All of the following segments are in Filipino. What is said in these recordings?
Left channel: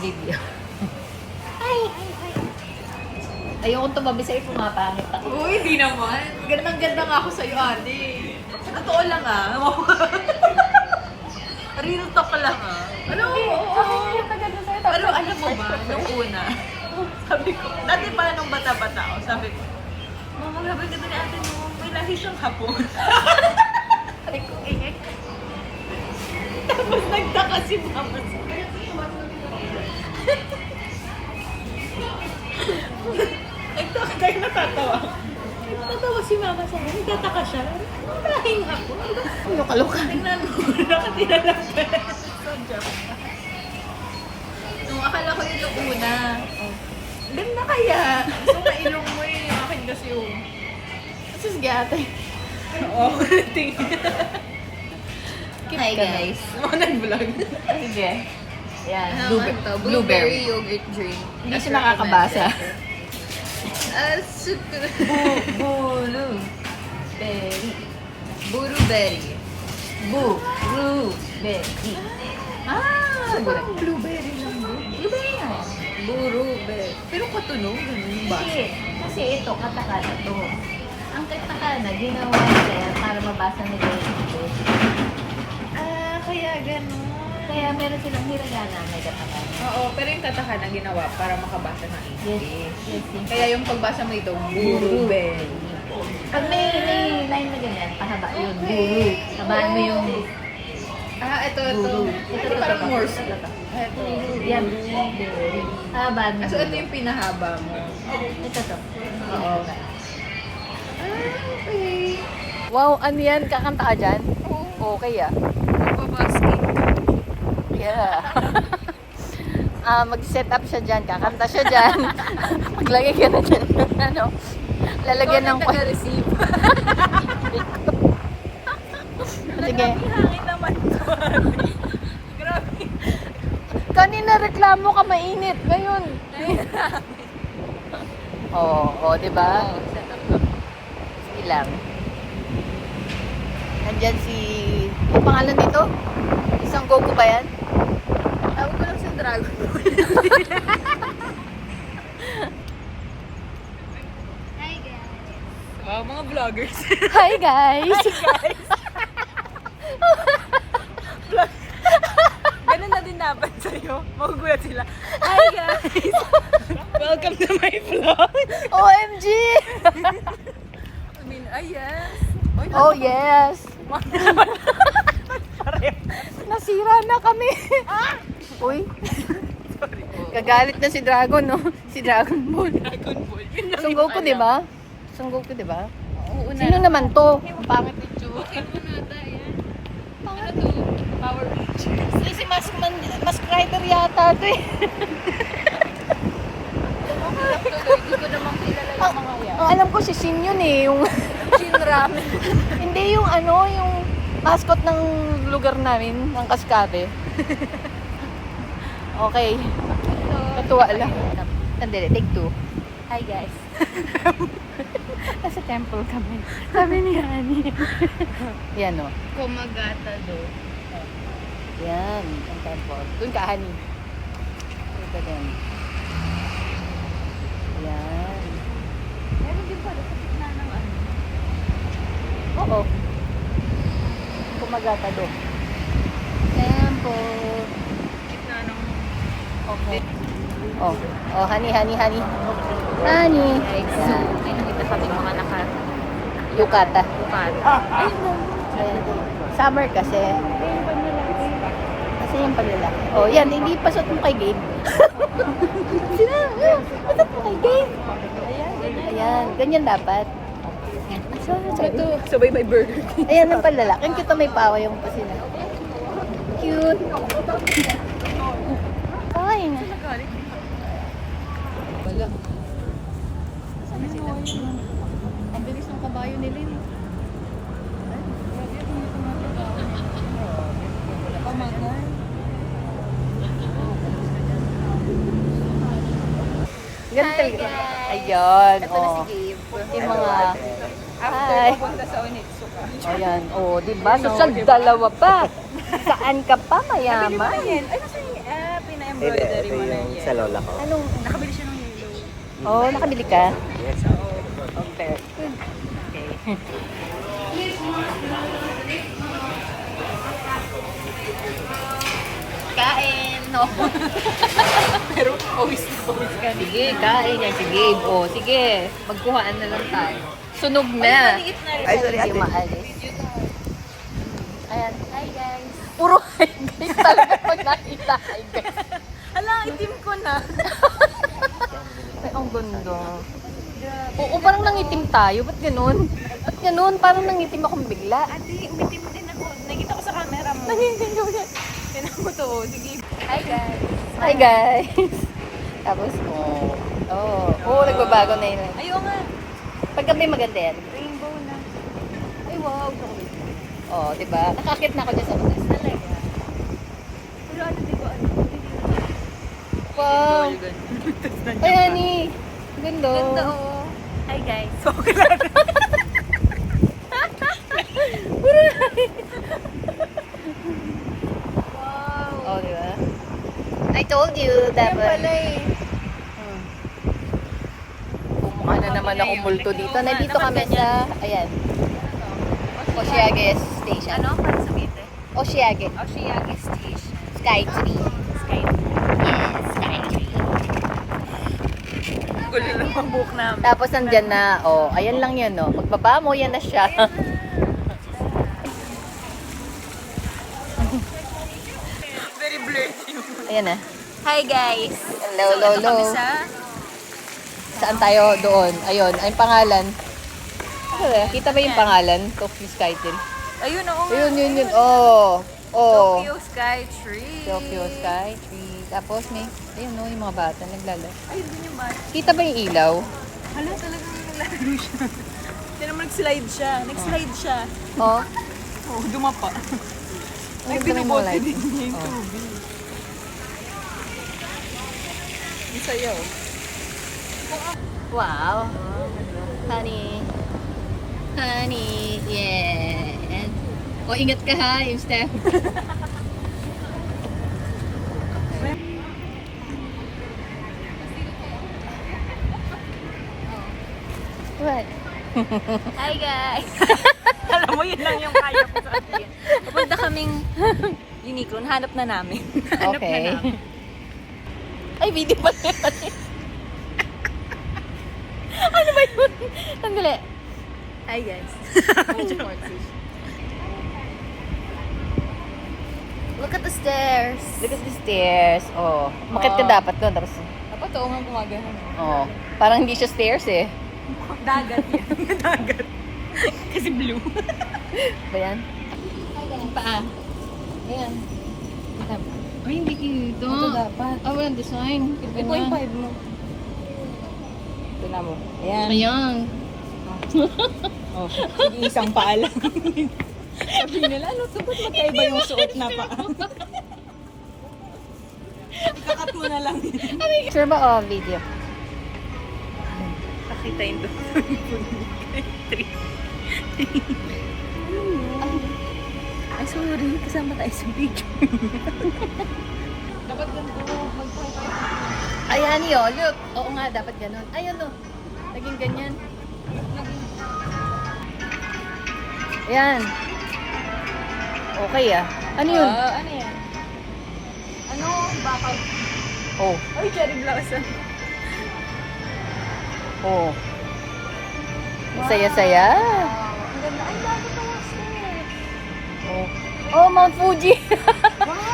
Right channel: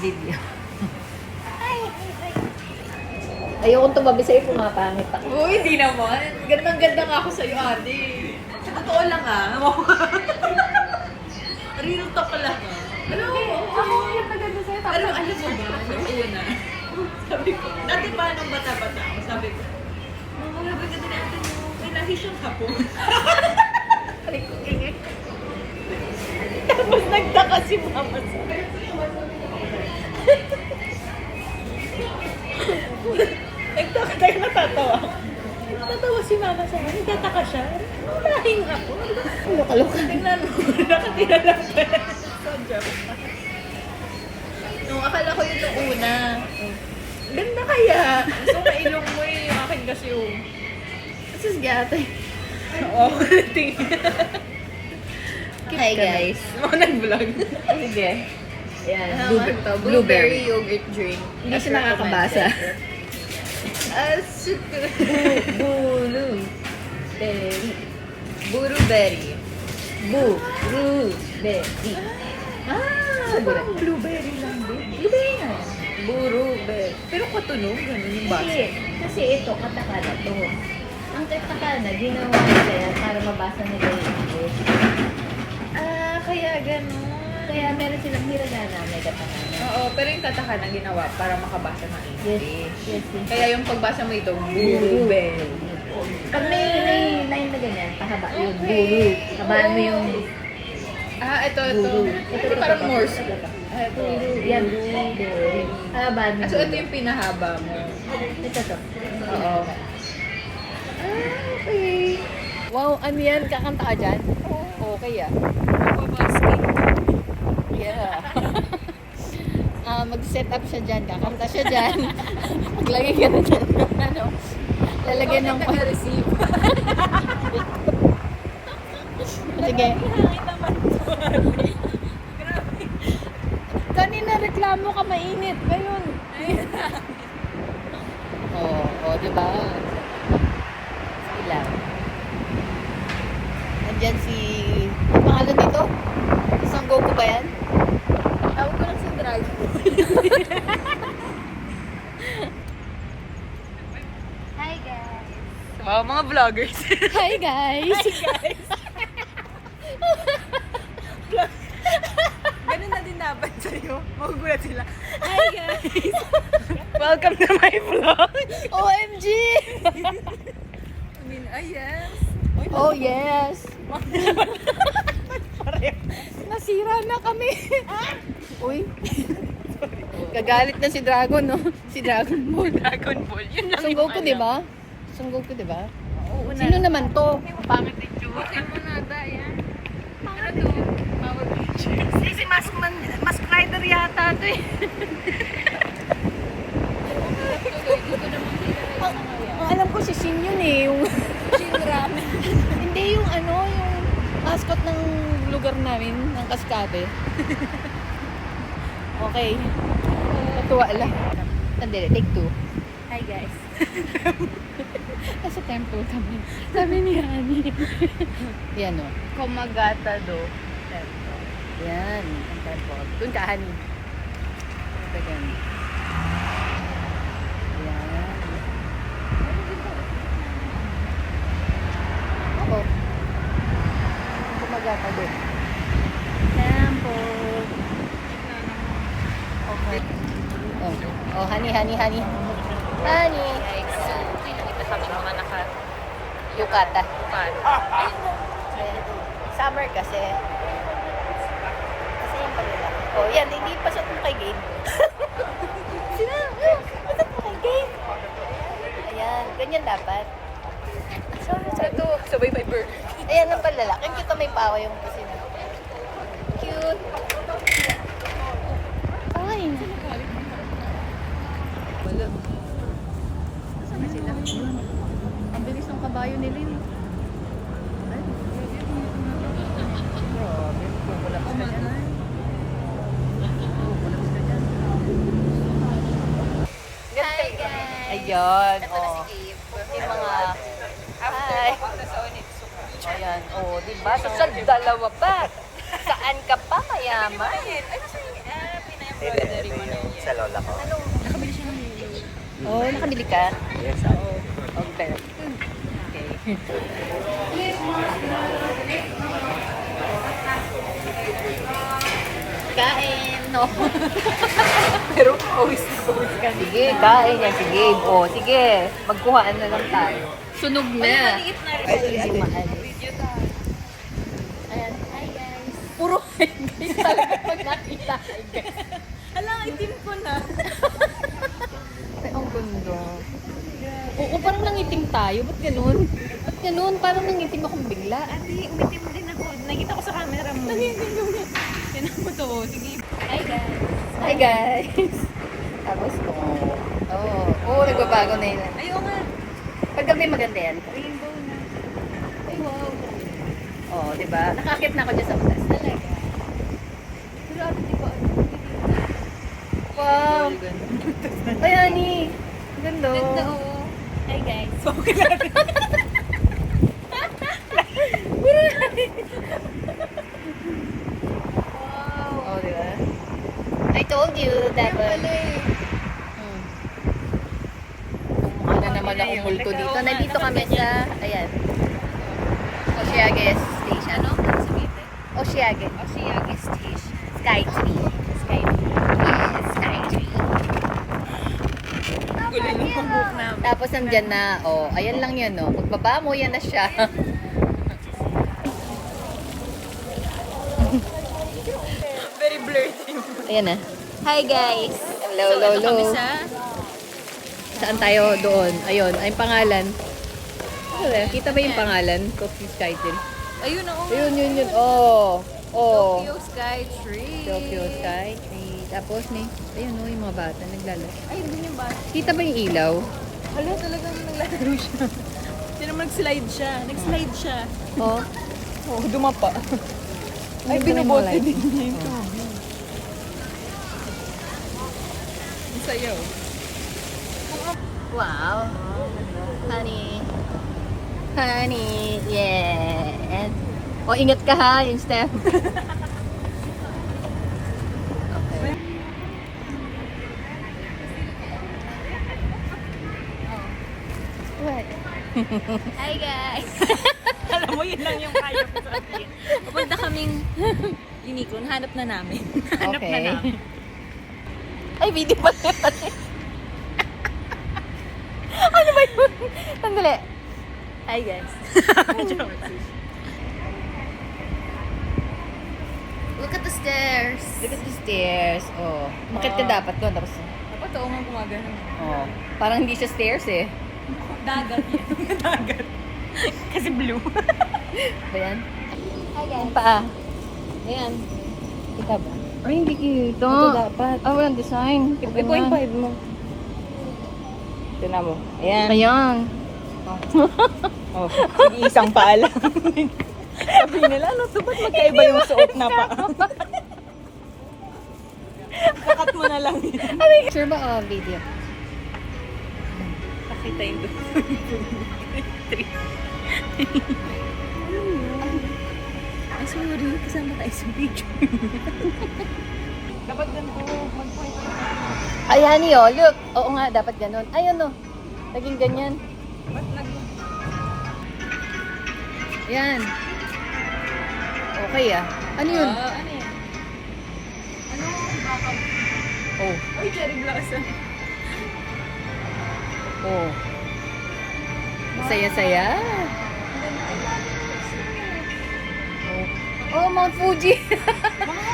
Video. Ayokong tumabi sa'yo kung mapangit ako. Oo, hindi naman. Gandang-ganda nga ako sa'yo, ate. Sa totoo lang ah. Real talk lang ah. Ano? Pero alam mo ba, nung una, sabi ko, dati pa nung bata-bata ako, sabi ko, Mama, labas kita ni ate mo, may lahi siyang hapon. Tapos nagtaka si Mama. Nagtaka kayo natatawa. Natatawa si Mama sa akin, nagtataka siya. Lahing hapon. Luka-luka. Nakatira lang siya. Nung akala ko yun yung una. Ganda kaya. Gusto na ilong mo eh. Akin kasi yung... Sus gata. Oo, tingin. Hi guys. Ako nag-vlog. Sige. Yan. Ano naman to? Blueberry yogurt drink. Hindi siya nakakabasa. Super. Bulu. Blueberry. Blueberry. Ah, Parang blueberry lang bro. blueberry yan. Blueberry. Pero katunog, ganun yung basa. Kasi ito, katakana to. Ang katakana, ginawa nila para mabasa mo yung English. Ah, kaya ganun. Kaya meron silang hiragana na katakana. Oo, pero yung katakana ginawa para makabasa ng English. Yes. Kaya yung pagbasa mo ito, blueberry. May line na ganyan, pahaba yun. Buru. Habaan mo yung Ah, ito. buru. Ito parang Morse. Ah, ito. Yan. Habaan mo. Ah, so ito yung pinahaba mo. Ito to. Oo. Okay. Wow, ano yan? Kakanta ka dyan? Okay ah. Yeah. Mag-set up siya dyan, kakanta siya dyan. Maglagay ka na dyan. Ano? Lalagyan ng... receive. Sige. Kanina reklamo ka mainit. Ngayon. Oo, diba? Ilang. Nandyan si... Ang pangalan nito? Isang Goku ba yan? Tawag ko lang si Dragon. Hi guys. Oh, mga vloggers. Hi guys! Ganun na din dapat sa'yo. Magugulat sila. Hi guys! Welcome to my vlog! OMG! I mean, ayan. Oh yes! Nasira na kami. Uy. Gagalit na si Dragon, no? Si Dragon Ball. Dragon Ball. Yun lang Son yung Goku, alam. di ba? Son Goku, di ba? Oo na. Sino naman to? Pangit yung tsura. Bakit mo nata yan? Ano to? Power Rangers. Si Mask Rider yata to eh. Hindi ko naman kilala yung mga yan. Ang alam ko si Shin yun eh. Yung Shinram. Hindi yung ano, yung mascot ng lugar namin, ng Cascade. Okay. Natuwa lang. Sandali, take 2. Hi guys. Nasa temple kami. Sabi ni Hani. Yan o. Komagata do. Yan, ang temple. Doon ka, Hani. Ito yan. Yan. Oo. Kumagata doon. Temple. Okay. Oh, oh, Hani. Hani. Yukata. Summer kasi. Kasi yung paglalak. Oh, yan, hindi pasok mo kay Gabe. Sino? Pasok mo kay Gabe. Ayan, ganyan dapat. Ito, sabay may burger. Ayan ang palalak. Yung kita may pawa yung pasina. Cute. Ay, na. Wala. Saan sila? Ang bilis ng kabayo ni Lynn. Ay, wala pa sila dyan. Yan talaga. Ayan, oh. Yung mga... Ay. Ayan, oh, diba? Nagkagdalawa pa. Saan ka pa, mayaman? Hindi, ito yung sa lola ko. Anong? Nakabili siya ng hilo. Oo, nakabili ka? Yes, Okay. Okay. Kain! No. Pero always ka. Sige, kain yan si Gabe. O, sige. Magkuhaan na lang tayo. Sunog na. Maliit na yun. Ay, sorry, Hindi ate. maalis. Ayan. Hi, guys. Puro hi, guys. Talaga ko nakita. Hi, guys. Hala, itim ko na. Ay, ang ganda. Oo, parang nangitim tayo. Ba't ganun? Ba't ganun? Parang nangitim ako bigla. Ate, umitim din ako. Nakita ko sa camera mo. Yan ako to. Sige. Hi, guys. Hi, guys. Tapos ko. Oo, nagbabago na yun. Ayaw nga. Paggabi maganda yan. Rainbow na. Ay, wow. Gusto ko din. Oo, diba? Nakakit na ako dyan sa mataas. Talaga. Pero ate ko ba? Wow. Ay, honey. Ganda. Ganda, oo. Hi, guys. Okay lang. Wow. Oh, diba? I told you, dapat. Mukha na naman ako multo dito. Nandito kami sa, ayan, Osiague Station. Ano? Osiague. Osiague Station. Skytree. Yes, Skytree. Gulo ng mabuk namin. Tapos nandyan na, oh, ayan lang yan, no. Magbaba mo, yan na siya. Very blurred yung... Ayan na. Hi guys! Hello, So, ito hello. kami sa... Saan tayo? Doon. Ayun, ay pangalan. Okay, kita ba yung pangalan? Tokyo Skytree. Ayun, oo. Ayun, yun. Oh. Oh. Tokyo Sky Tree. Tokyo Skytree. Tapos may, ayun, no, yung mga bata naglalo. Ay, hindi yung ba? Kita ba yung ilaw? Hala, talagang nalaro siya. Hindi naman nag-slide siya. Nag-slide siya. Oh. Oo, dumapa. Ay, binubote din yung Oh. tubig. Ang sayaw. Wow. Honey. Honey. Yeah. Oh, ingat ka ha, yung step. Okay. What? Hi guys! Alam mo, yun lang yung kaya ko sabihin. Papunta kaming Uniqlo. Hanap na namin. Hanap na Okay. namin. Ay, video pa yan. Ano ba yun? Sandali. Hi, guys. Look at the stairs. Look at the stairs. Oh. Makit ka Wow. dapat doon. Tapos, Dapat oo nga gumagano. oh. Parang hindi siya stairs eh. Dagat yan. Dagat. Kasi blue. Ba yan? Ang paa. Ayan. Kita ba? Ay, hindi kita. Ito dapat. Ay, walang design. Tignan Ito yung mo. 5 mo. Tignan mo. Ayan. Ayan. Oh, sige, isang paa lang. Sabi nila, ano to? Ba't magkaiba yung suot na pa? Kakat mo na lang. Sure ba o video? Pakita yun doon. Ay, sorry. Kasama tayo sa video. Dapat ganito. Mag-point. Ayan yun, look. Oo nga, dapat ganun. Ayun o. Naging ganyan. Ayan. Okay ah. Ano yun? Ano yan? Ano? Bakal? Oh. Ay, cherry blossom. Oh. Saya-saya. Ang ganda. Ay, bago na Oh. Oh, Mount Fuji.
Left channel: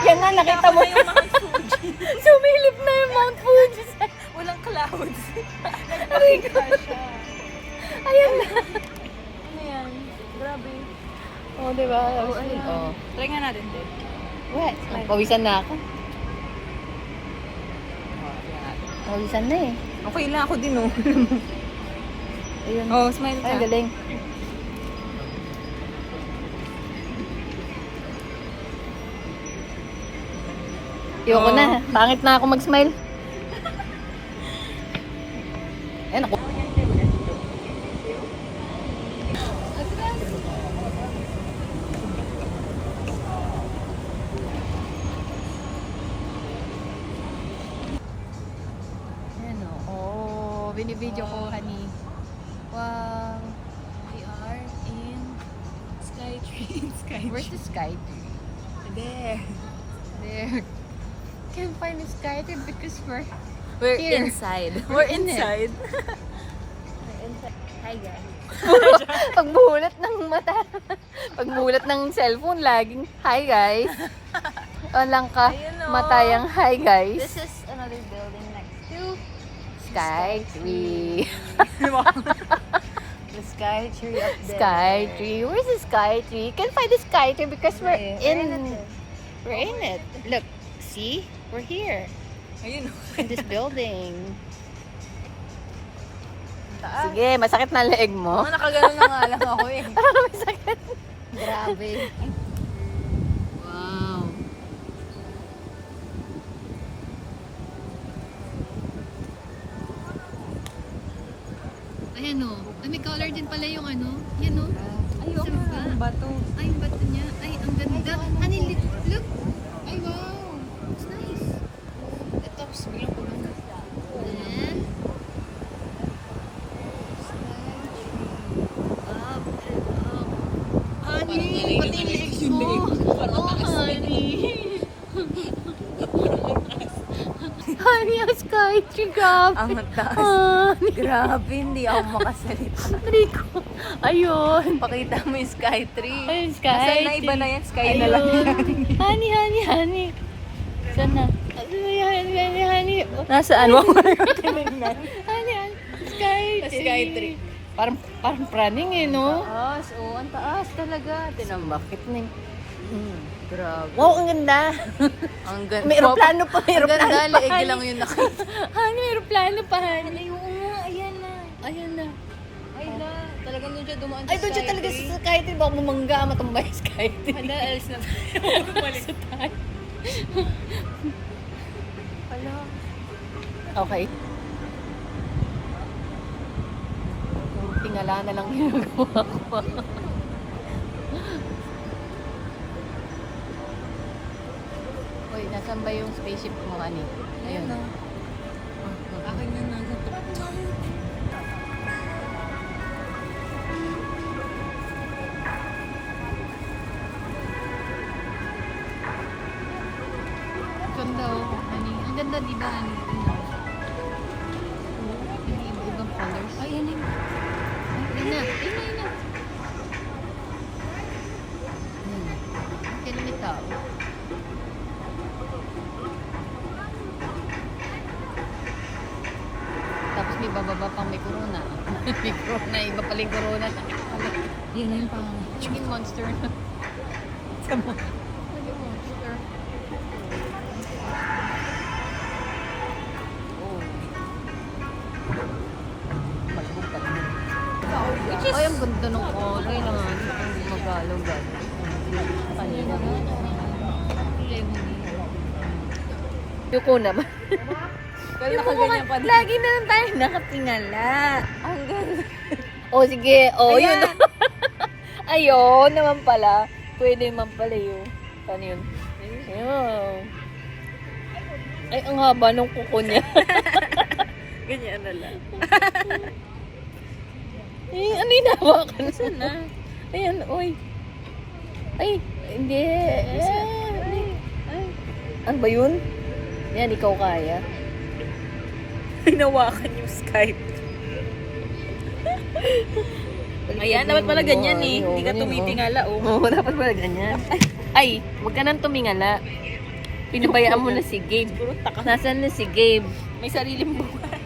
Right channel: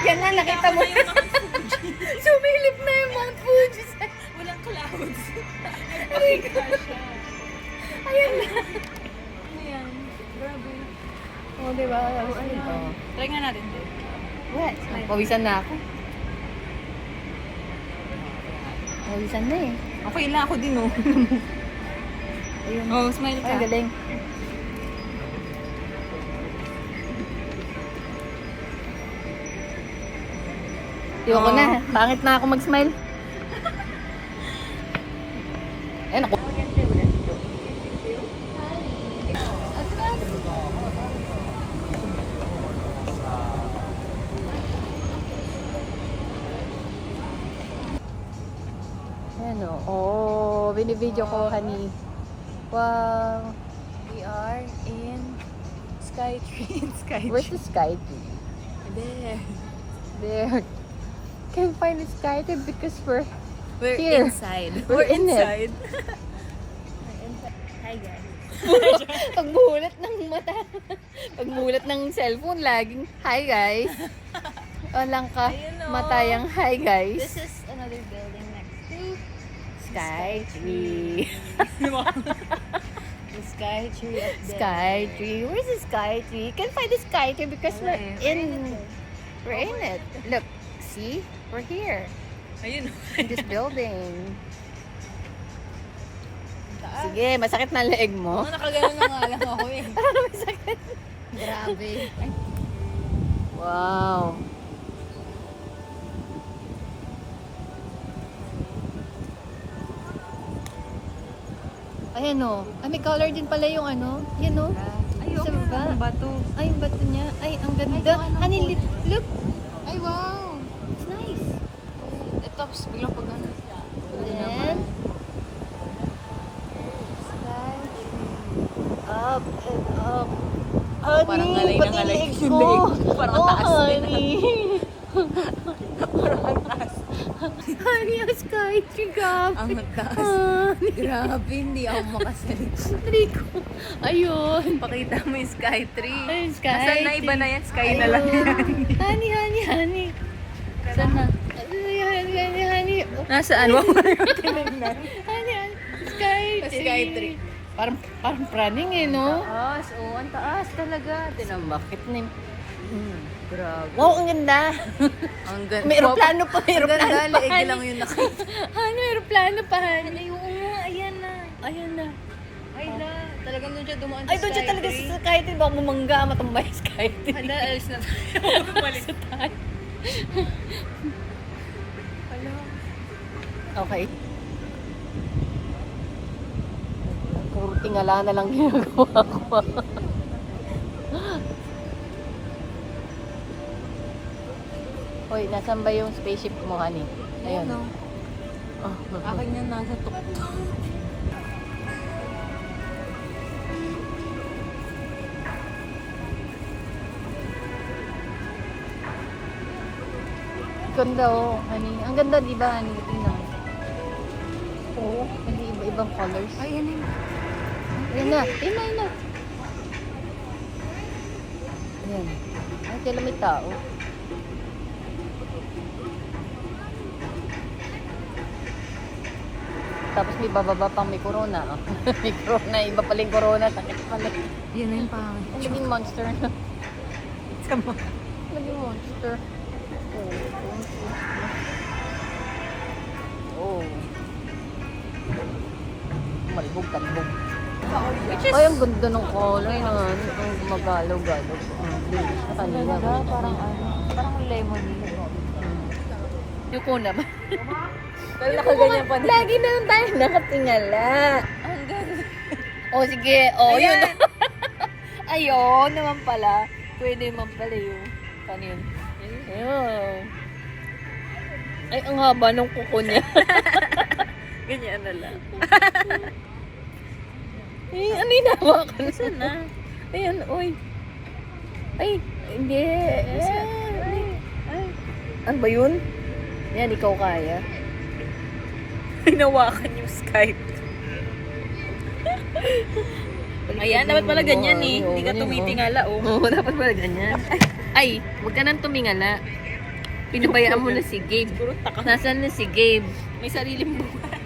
Yan na, nakita mo. yung Mount Fuji. Sumilip na yung Mount Fuji. Walang clouds. Aray ko. Ayan na. Ano yan? Grabe. Oh, diba? Oh, ayan. Oh. Try nga natin din. What? Pawisan na ako. Pawisan na eh. Okay na ako din, oh. Ayun. Oh, smile Ay, ka. galing. Ayoko na. Pangit na ako mag-smile. Ayun ako. binibidyo ko, honey. Wow. We are in Skytree. Where's the Skytree? There. There. Can't find the Skytree because we're We're here. inside. We're in it. inside. Hi guys. Pagmulat ng mata. Pagmulat ng cellphone, laging hi guys. Walang ka Ayun, oh. matayang hi guys. This is another building next to Skytree. the Skytree up there. Skytree. Where's the Skytree? Can't find the Skytree because we're in it. Look, see? We're here Ayun. in this building. Sige, masakit na ang leeg mo. Nakagano na nga lang ako eh. Masakit. Grabe. Wow. Ayan o. Ay, may color din pala yung ano. Yan o. Ay, Yung saan ba? bato. Ay, yung bato niya. Ay, ang ganda. Ay, ano Honey, po? look. Ay, wow. It's nice. Ito, tapos bilang pag ano. Then, Up and up. Honey, Parang nalay na pati nalay legs yung mo. legs. Parang Oo, taas din. honey. Parang taas. Honey, ang Skytree, grabe. Ang taas. Honey. Grabe, hindi ako makasalita. Rico. Ayun. Pakita mo yung Skytree. Ayun, Nasaan Skytree. na iba na yan? Sky na lang Ayun. yan. Honey. Saan na? Honey. Oh. Nasaan mo? Honey. Skytree. Skytree. Parang praning eh, no? Taas, oo. Ang taas talaga. Tinambakit na yung... Grabe. Wow, ang ganda. Ang ganda. May aeroplano pa, Ang ganda, aeroplano pa. leeg lang yung nakita. Honey, aeroplano pa, honey. Ayan na. Ayun na. Ay na. Talagang doon siya dumaan Ay, doon siya talaga sa Skytree. Baka bumangga, matumbay sa Skytree. Hala, alis na tayo. Balik. Hala. Okay. Tingala na lang ginagawa ko. Hoy, nasan ba yung spaceship mo, honey? Ayan no. Akin na nasa tuktok. Ganda oh, honey. Ang ganda, di ba, honey? Tingnan. Oo, hindi iba-ibang colors. Ay, yan yun. Ayun na. Ayan. Ang kailan may tao. Tapos may bababa pang may corona. May corona, iba pala yung corona. Sakit pala. Yan na yung pangit. Naging monster na. Sama. Naging monster. Oh. Ay, ang ganda ng kulay lang. Ang mabalog-balog. Ang ganda. Parang lemon. Yuko na ba? Pero nakaganyan pa din. Lagi na lang tayo nakatingala. Ang ganda. O sige, yun. Ayan. Ayun naman pala. Pwede naman pala yun. Kanin. Ayun. Ay, ang haba ng kuko niya. Ganyan na lang. Eh, ano yung nahawakan? Saan na? Ayan, oy. Ay, hindi. Ay. Ano ba yun? Yan, ikaw kaya. Hinawakan yung Skype. Ayan, dapat pala ganyan eh. Hindi ka tumitingala oh. Oo, dapat pala ganyan. Ay, huwag ka nang tumingala. Pinabayaan mo na si Gabe. Puro taka. Nasaan na si Gabe? May sariling buhay.